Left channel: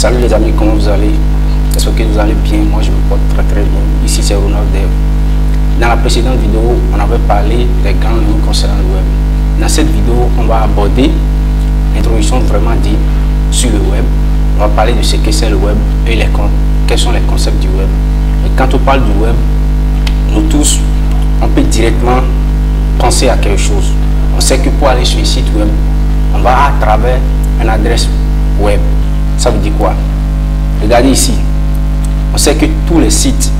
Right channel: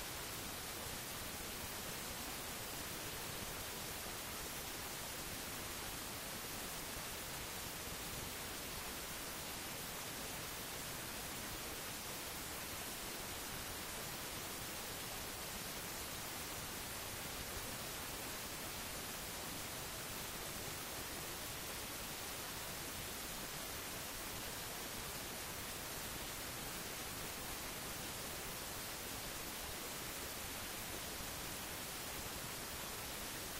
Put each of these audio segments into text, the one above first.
Salut les amis, comment vous allez? J'espère que vous allez bien. Moi je me porte très bien. Ici c'est Ronald Dev. Dans la précédente vidéo, on avait parlé des grandes lignes concernant le web. Dans cette vidéo, on va aborder l'introduction vraiment dite sur le web. On va parler de ce que c'est le web et quels sont les concepts du web. Et quand on parle du web, nous tous, on peut directement penser à quelque chose. On sait que pour aller sur un site web, on va à travers une adresse web. Ça veut dire quoi? Regardez ici. On sait que tous les sites,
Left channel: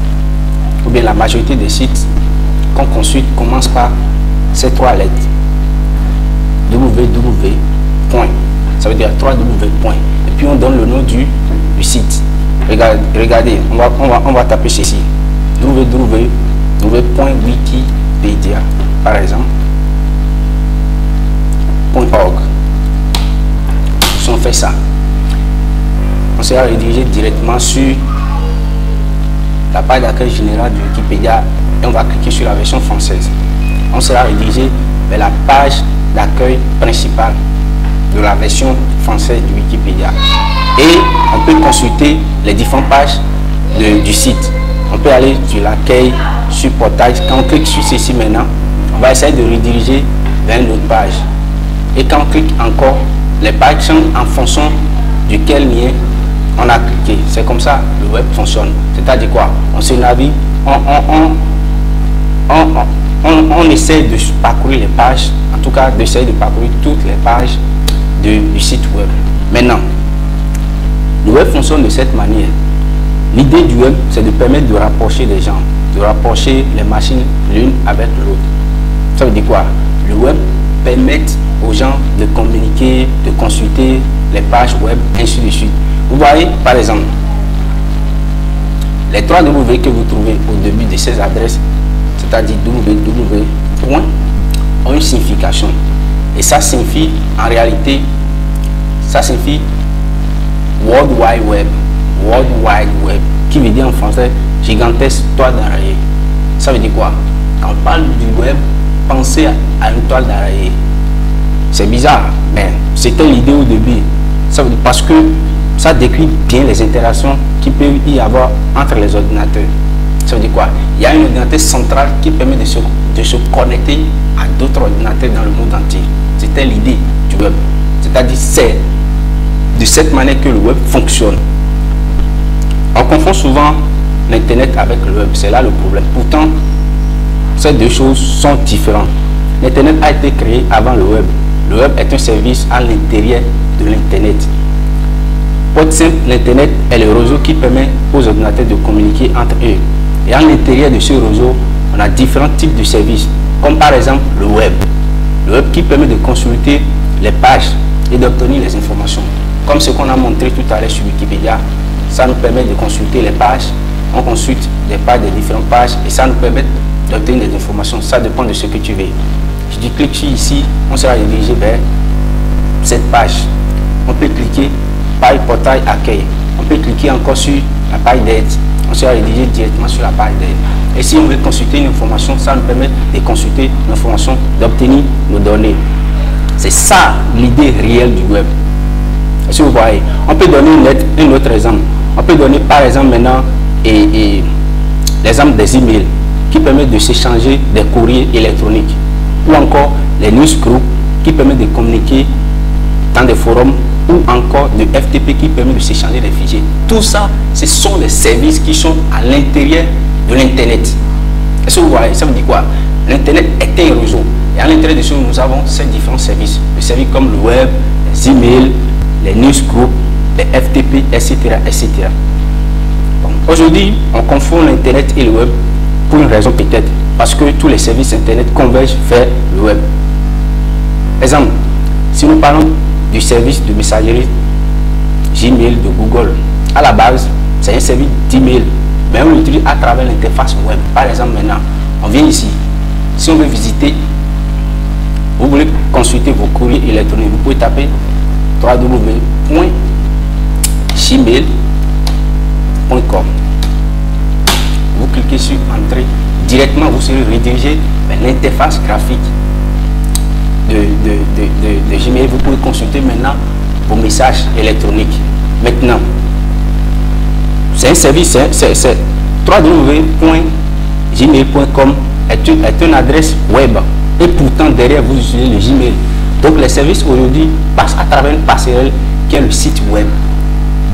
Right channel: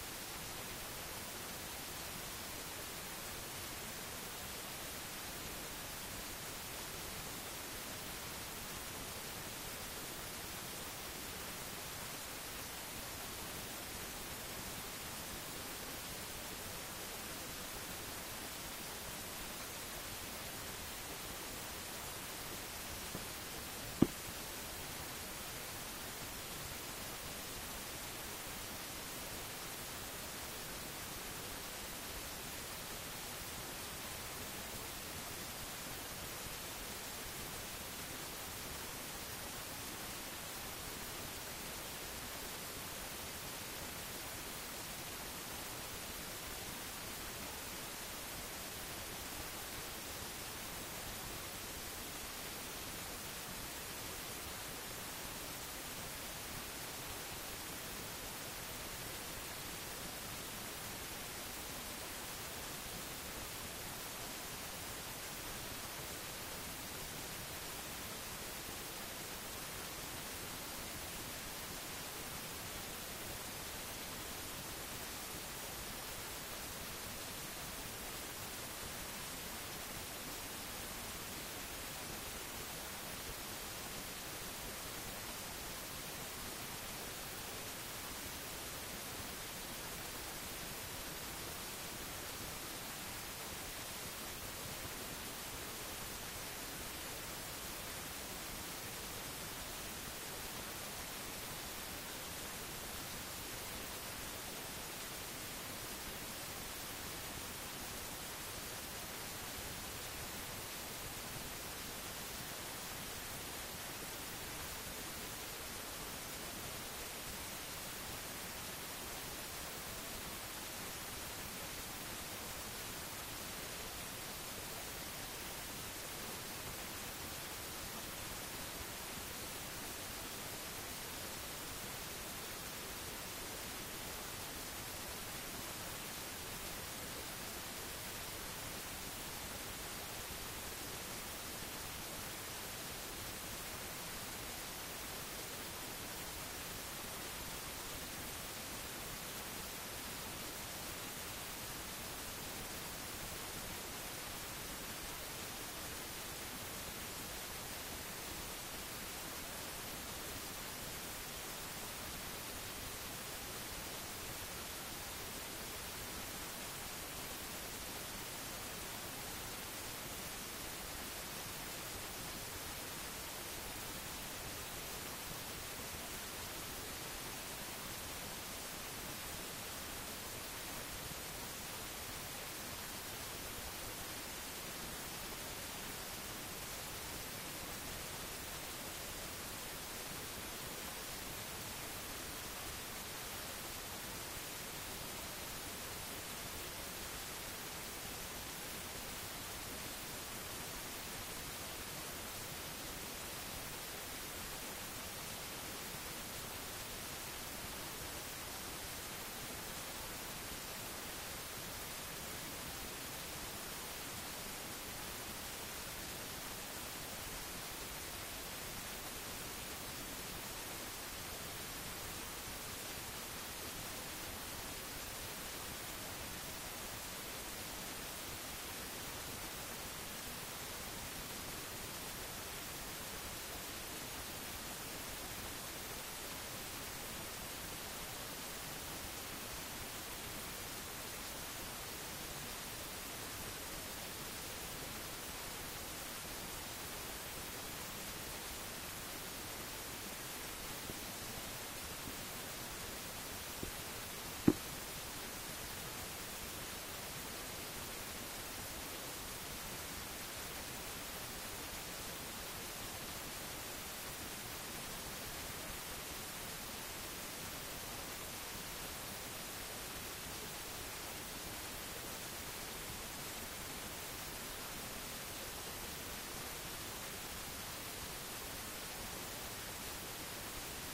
ou bien la majorité des sites qu'on consulte commencent par ces trois lettres. www. Ça veut dire 3w. Et puis on donne le nom du site. Regardez, on va taper ceci. www.wikipedia par exemple. .org. Si on fait ça, on sera redirigé directement sur la page d'accueil générale de Wikipédia et on va cliquer sur la version française. On sera redirigé vers la page d'accueil principale de la version française de Wikipédia. Et on peut consulter les différentes pages du site. On peut aller sur l'accueil, sur portail. Quand on clique sur ceci maintenant, on va essayer de rediriger vers une autre page. Et quand on clique encore, les pages sont en fonction de quel lien on a cliqué. C'est comme ça le web fonctionne. C'est-à-dire quoi? On se navigue, on essaie de parcourir les pages, en tout cas d'essayer de parcourir toutes les pages du site web. Maintenant, le web fonctionne de cette manière. L'idée du web, c'est de permettre de rapprocher les gens, de rapprocher les machines l'une avec l'autre. Ça veut dire quoi? Le web permet aux gens de communiquer, de consulter les pages web, ainsi de suite. Vous voyez, par exemple, les 3 W que vous trouvez au début de ces adresses, c'est-à-dire www. ont une signification. Et ça signifie, en réalité, ça signifie World Wide Web. World Wide Web, qui veut dire en français gigantesque toile d'araignée. Ça veut dire quoi? Quand on parle du web, pensez à une toile d'araignée. C'est bizarre, mais c'était l'idée au début. Ça veut dire parce que ça décrit bien les interactions qui peuvent y avoir entre les ordinateurs. Ça veut dire quoi? Il y a un ordinateur central qui permet de se connecter à d'autres ordinateurs dans le monde entier. C'était l'idée du web. C'est-à-dire c'est de cette manière que le web fonctionne. On confond souvent l'Internet avec le web. C'est là le problème. Pourtant, ces deux choses sont différentes. L'Internet a été créé avant le web. Le web est un service à l'intérieur de l'Internet. Pour être simple, l'Internet est le réseau qui permet aux ordinateurs de communiquer entre eux. Et à l'intérieur de ce réseau, on a différents types de services, comme par exemple le web. Le web qui permet de consulter les pages et d'obtenir les informations. Comme ce qu'on a montré tout à l'heure sur Wikipédia, ça nous permet de consulter les pages. On consulte les pages des différentes pages et ça nous permet d'obtenir des informations. Ça dépend de ce que tu veux. Je dis clique sur ici, on sera dirigé vers cette page. On peut cliquer page portail accueil. On peut cliquer encore sur la page d'aide. On sera dirigé directement sur la page d'aide. Et si on veut consulter une information, ça nous permet de consulter l'information, d'obtenir nos données. C'est ça l'idée réelle du web. Si vous voyez, on peut donner un autre exemple. On peut donner par exemple maintenant l'exemple des emails qui permettent de s'échanger des courriers électroniques. Ou encore les newsgroups qui permettent de communiquer dans des forums ou encore de FTP qui permet de s'échanger des fichiers. Tout ça, ce sont des services qui sont à l'intérieur de l'Internet. Est-ce que vous voyez? Ça veut dire quoi? L'Internet est un réseau. Et à l'intérieur de ce, nous avons ces différents services. Des services comme le web, les emails, les newsgroups, les FTP, etc. etc. Bon, aujourd'hui, on confond l'Internet et le web pour une raison peut-être. Parce que tous les services Internet convergent vers le web. Exemple, si nous parlons du service de messagerie Gmail de Google, à la base, c'est un service d'email, mais on l'utilise à travers l'interface web. Par exemple, maintenant, on vient ici. Si on veut visiter, vous voulez consulter vos courriers électroniques, vous pouvez taper www.gmail.com. Vous cliquez sur Entrée. Directement, vous serez redirigé vers l'interface graphique de Gmail. Vous pouvez consulter maintenant vos messages électroniques. Maintenant, C'est un service, c'est www.gmail.com est une adresse web. Et pourtant, derrière, vous utilisez le Gmail. Donc, les services aujourd'hui passent à travers une passerelle qui est le site web.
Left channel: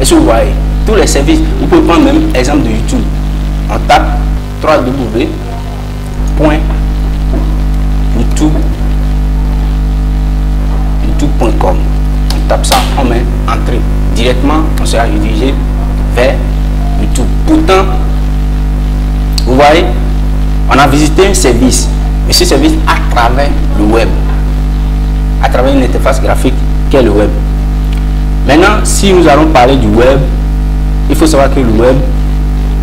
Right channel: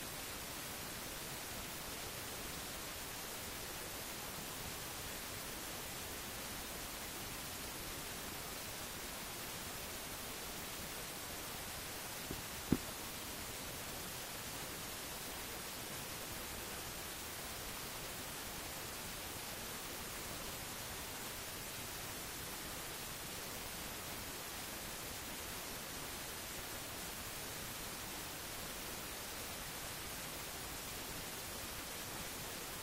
Est-ce que vous voyez? Tous les services, vous pouvez prendre même exemple de YouTube. On tape www.youtube.com. On tape ça, on met entrée. Directement, on sera redirigé vers YouTube. Pourtant, vous voyez, on a visité un service, mais ce service à travers le web, à travers une interface graphique qui est le web. Maintenant, si nous allons parler du web, il faut savoir que le web,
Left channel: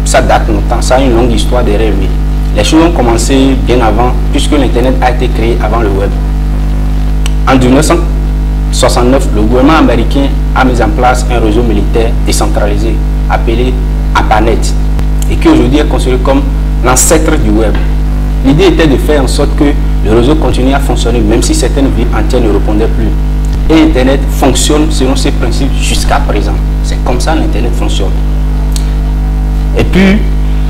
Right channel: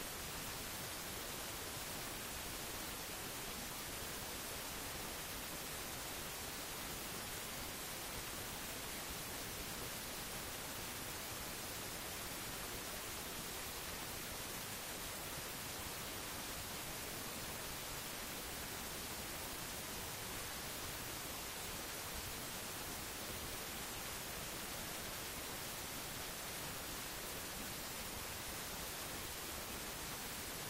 ça date longtemps, ça a une longue histoire derrière lui. Les choses ont commencé bien avant, puisque l'Internet a été créé avant le web. En 1969, le gouvernement américain a mis en place un réseau militaire décentralisé appelé ARPANET et qui aujourd'hui est considéré comme l'ancêtre du web. L'idée était de faire en sorte que le réseau continue à fonctionner même si certaines villes entières ne répondaient plus. Et Internet fonctionne selon ces principes jusqu'à présent. C'est comme ça l'Internet fonctionne. Et puis,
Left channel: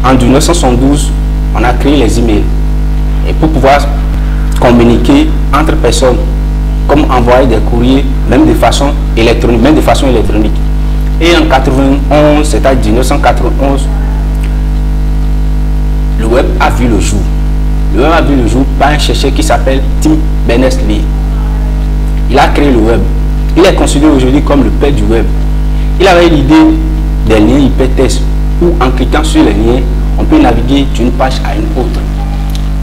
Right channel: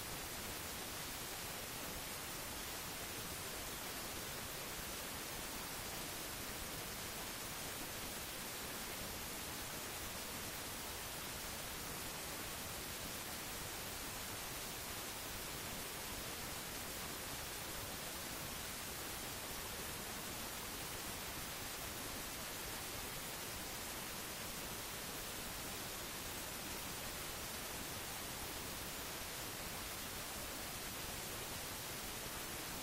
en 1972, on a créé les emails. Et pour pouvoir communiquer entre personnes, comme envoyer des courriers, même de façon électronique, Et en 91, c'est-à-dire 1991, le web a vu le jour. Le web a vu le jour par un chercheur qui s'appelle Tim Berners-Lee. Il a créé le web. Il est considéré aujourd'hui comme le père du web. Il avait l'idée des liens hypertextes où en cliquant sur les liens, on peut naviguer d'une page à une autre.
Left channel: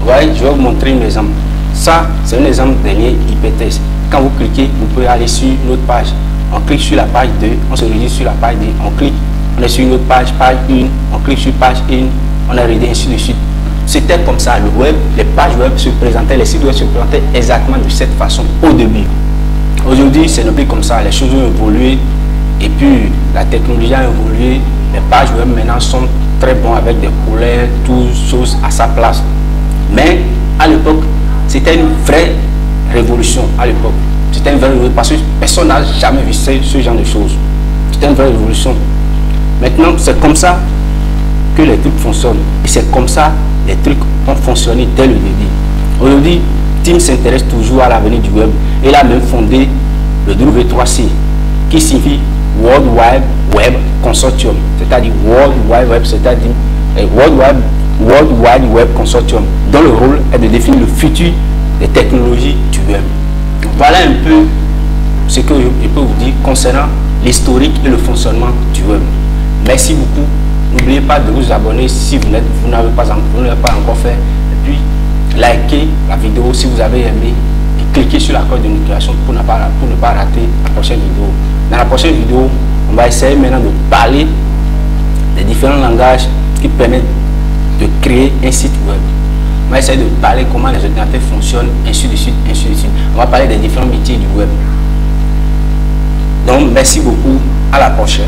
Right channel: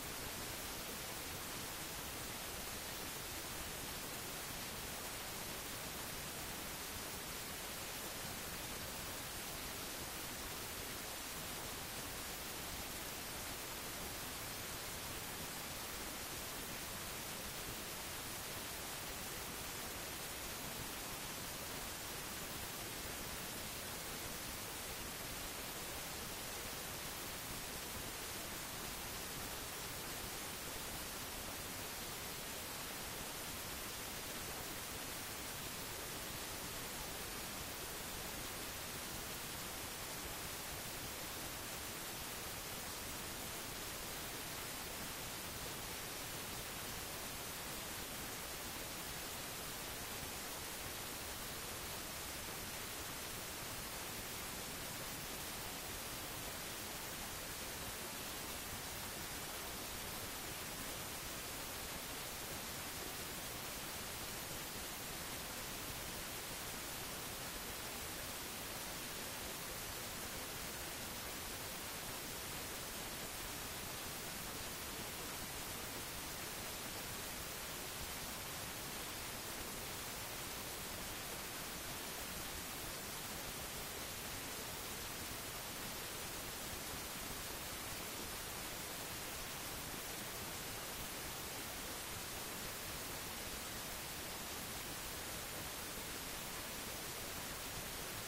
Vous voyez, je vais vous montrer un exemple. Ça, c'est un exemple des liens hypertextes. Quand vous cliquez, vous pouvez aller sur une autre page. On clique sur la page 2, on se redirige sur la page 2, on clique, on est sur une autre page, page 1, on clique sur page 1, on est redirigé ainsi de suite. C'était comme ça, le web, les pages web se présentaient, les sites web se présentaient exactement de cette façon au début. Aujourd'hui, ce n'est plus comme ça, les choses ont évolué et puis la technologie a évolué, les pages web maintenant sont très bons avec des couleurs, toutes choses à sa place. Mais à l'époque, c'était une vraie révolution à l'époque. C'était une vraie révolution parce que personne n'a jamais vu ce genre de choses. C'était une vraie révolution. Maintenant, c'est comme ça que les trucs fonctionnent. Et c'est comme ça que les trucs ont fonctionné dès le début. Aujourd'hui, Tim s'intéresse toujours à l'avenir du web. Il a même fondé le W3C, qui signifie World Wide Web Consortium, c'est-à-dire World Wide Web, c'est-à-dire World Wide Web Consortium, dont le rôle est de définir le futur des technologies du web. Voilà un peu ce que je peux vous dire concernant l'historique et le fonctionnement du web. Merci beaucoup. N'oubliez pas de vous abonner si vous n'avez pas encore fait. Et puis, likez la vidéo si vous avez aimé. Et cliquez sur la cloche de notification pour ne pas rater la prochaine vidéo. Dans la prochaine vidéo, on va essayer maintenant de parler des différents langages qui permettent de créer un site web. On va essayer de parler comment les ordinateurs fonctionnent, ainsi de suite, ainsi de suite. On va parler des différents métiers du web. Donc, merci beaucoup. À la prochaine.